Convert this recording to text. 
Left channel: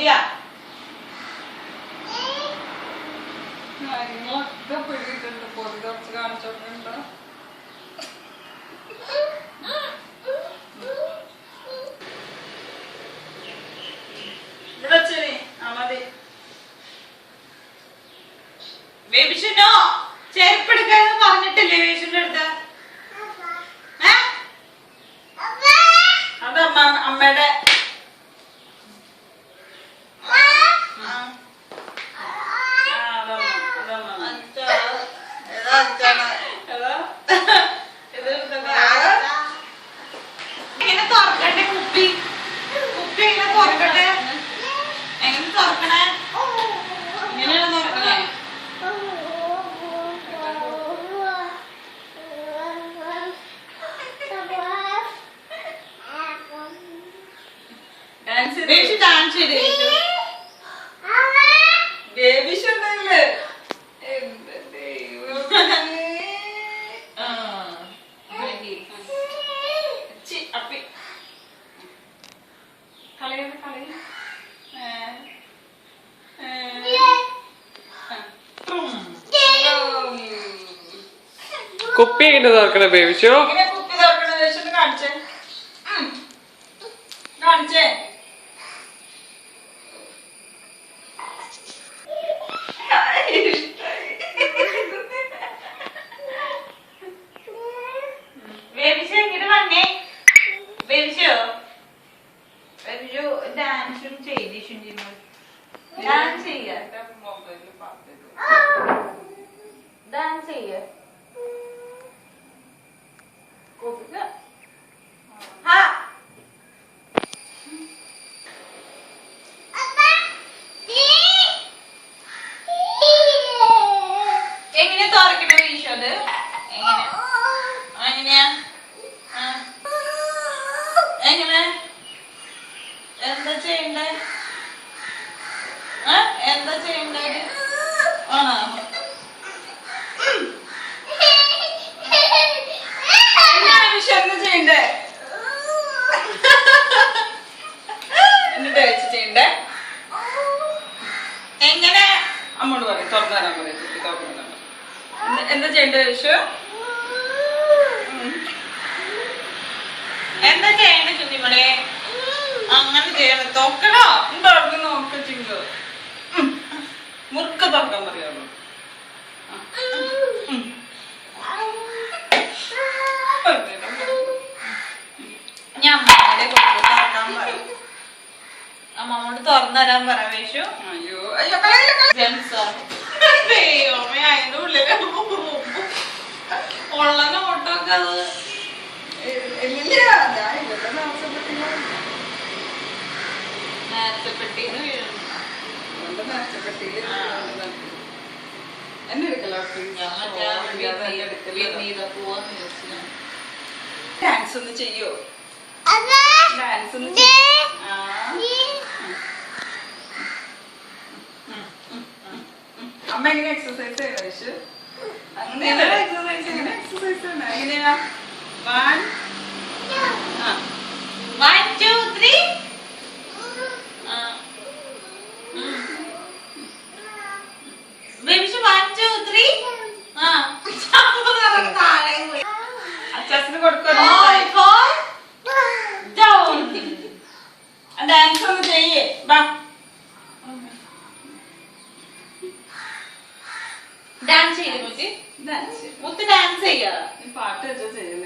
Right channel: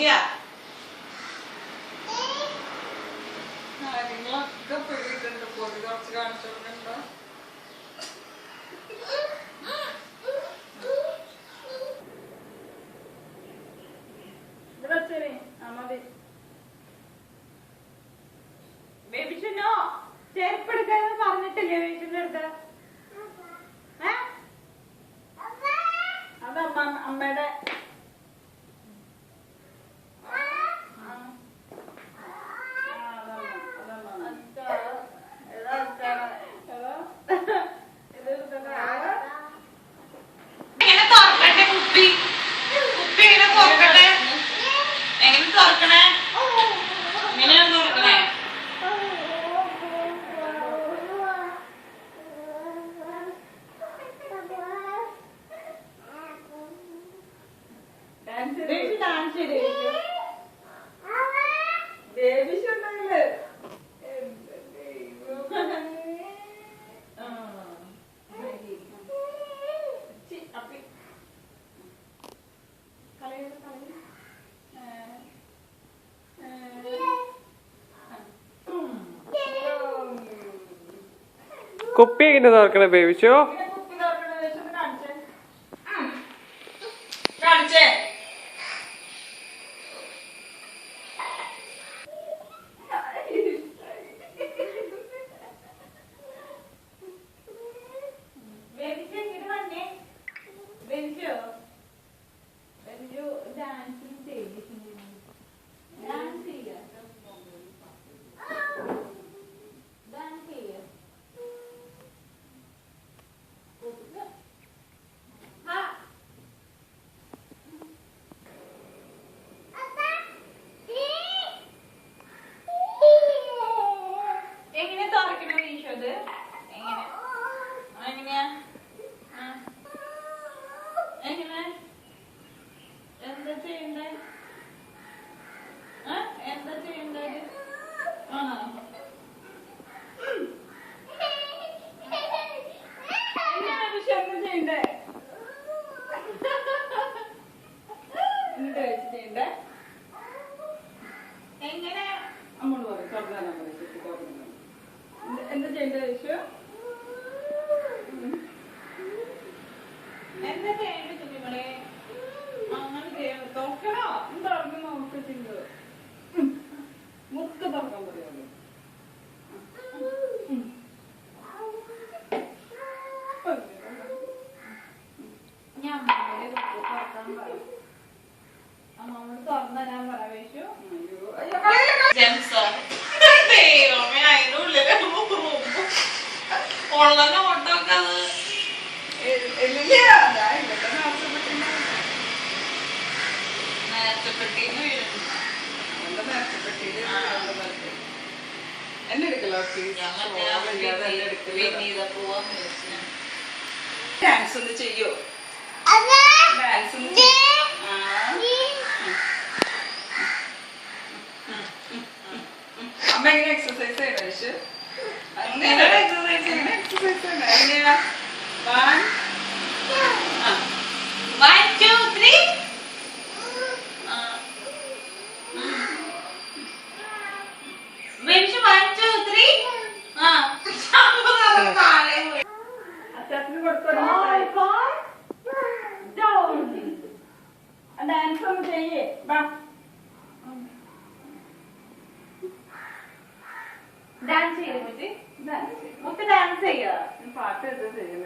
കുട്ടിയാ കാര്യങ്ങളൊക്കെ പിടിയിട്ടുണ്ട്. പൊതി കുറച്ച് കാണിച്ചോണ്ടോ. ഇവിടെ വെച്ചേ മതി. ബേബിഷനോ ചെരുപ്പെടുക്കാന്ന് പറഞ്ഞിട്ടില്ലേ ബേബിഷന്റെ അടുത്ത്? അത് അമ്മയുടെ എങ്ങനെ തുറക്കട്ടെ? കുപ്പി കുപ്പി എങ്ങനെ തുറക്കട്ടെ? എങ്ങനെ തുറക്കണേ? എങ്ങനെയാണ് തുറക്കണേ? ഡാൻസ് ചെയ്ത് ബേബിഷ് ഉണ്ടെങ്കില് കുപ്പി എങ്ങനെ തുറക്കണ ബേബിഷോ? കുപ്പി തുറക്കണ കാണിച്ചേ കാണിച്ചേ. ഡാൻസും ചെയ്ത് ഡാൻസ് ചെയ്യ ഡാൻസ് ചെയ്യ എങ്ങനെ തുറക്കണ വീശോ? അത് എങ്ങനെ എങ്ങനെയാ എങ്ങനെ എന്താ ചെയ്യണ്ടേ? എന്താ ചെയ്യണ്ടേ? ആണോ എന്താ ചെയ്യണ്ടേ? എന്നിട്ട് വെച്ച് ചെയ്യണ്ടേ? എങ്ങനെ അമ്മോട് പറയും തുറന്നു തരാൻ പറയും. കുട്ടി തുറന്നു തരാൻ എന്താ ചെയ്യണ്ടേ വിഷു? എന്താ ചെയ്യണ്ടേ കുഞ്ഞിമടെ? അങ്ങനെ ചെയ്യണം. തോക്കണോ? തുറന്ന് നോക്ക ചിങ്ക് മുറുക്ക തുറക്കാൻ പറയാമോ? ഞാൻ അമ്മയുടെ കുട്ടി തുറക്കാൻ പറയും. അമ്മോട് തുറന്നു തരാൻ പറ വേഷു. അയ്യോ ജെംസോ ദൈവമേ അതിന്റെ ഉള്ളിൽ ഉള്ള നോട്ടൊക്കെ അത് ഇല്ല. ഞാൻ ഇവിടെ നേർച്ചപ്പെട്ടിന്ന് വീഴുന്നു. നേർച്ചപ്പെട്ടിയിൽ എന്നെ എടുക്കലോ? ഡാൻസ് ഒന്ന് ചെയ്യോ? ഡാൻസ് ഒന്ന് അമ്മ എങ്ങനെ എക്സസൈസ് ചെയ്യണം വിഷു? അങ്ങനെ എക്സസൈസ് ചെയ്യണം. എക്സസൈസ് ചെയ്യണം എങ്ങനെയാ? 1 2 3 ബേബിഷ് 1 2 3 അച്ചാസിന് കൊടുക്കണം. ഡാൻസ് ഒന്ന് ചെയ്യേ. ഡാൻസ് ചെയ്യ മുത്തി. ഡാൻസ് ചെയ്യാ. പാട്ട് വെച്ചാ ചെയ്യണം.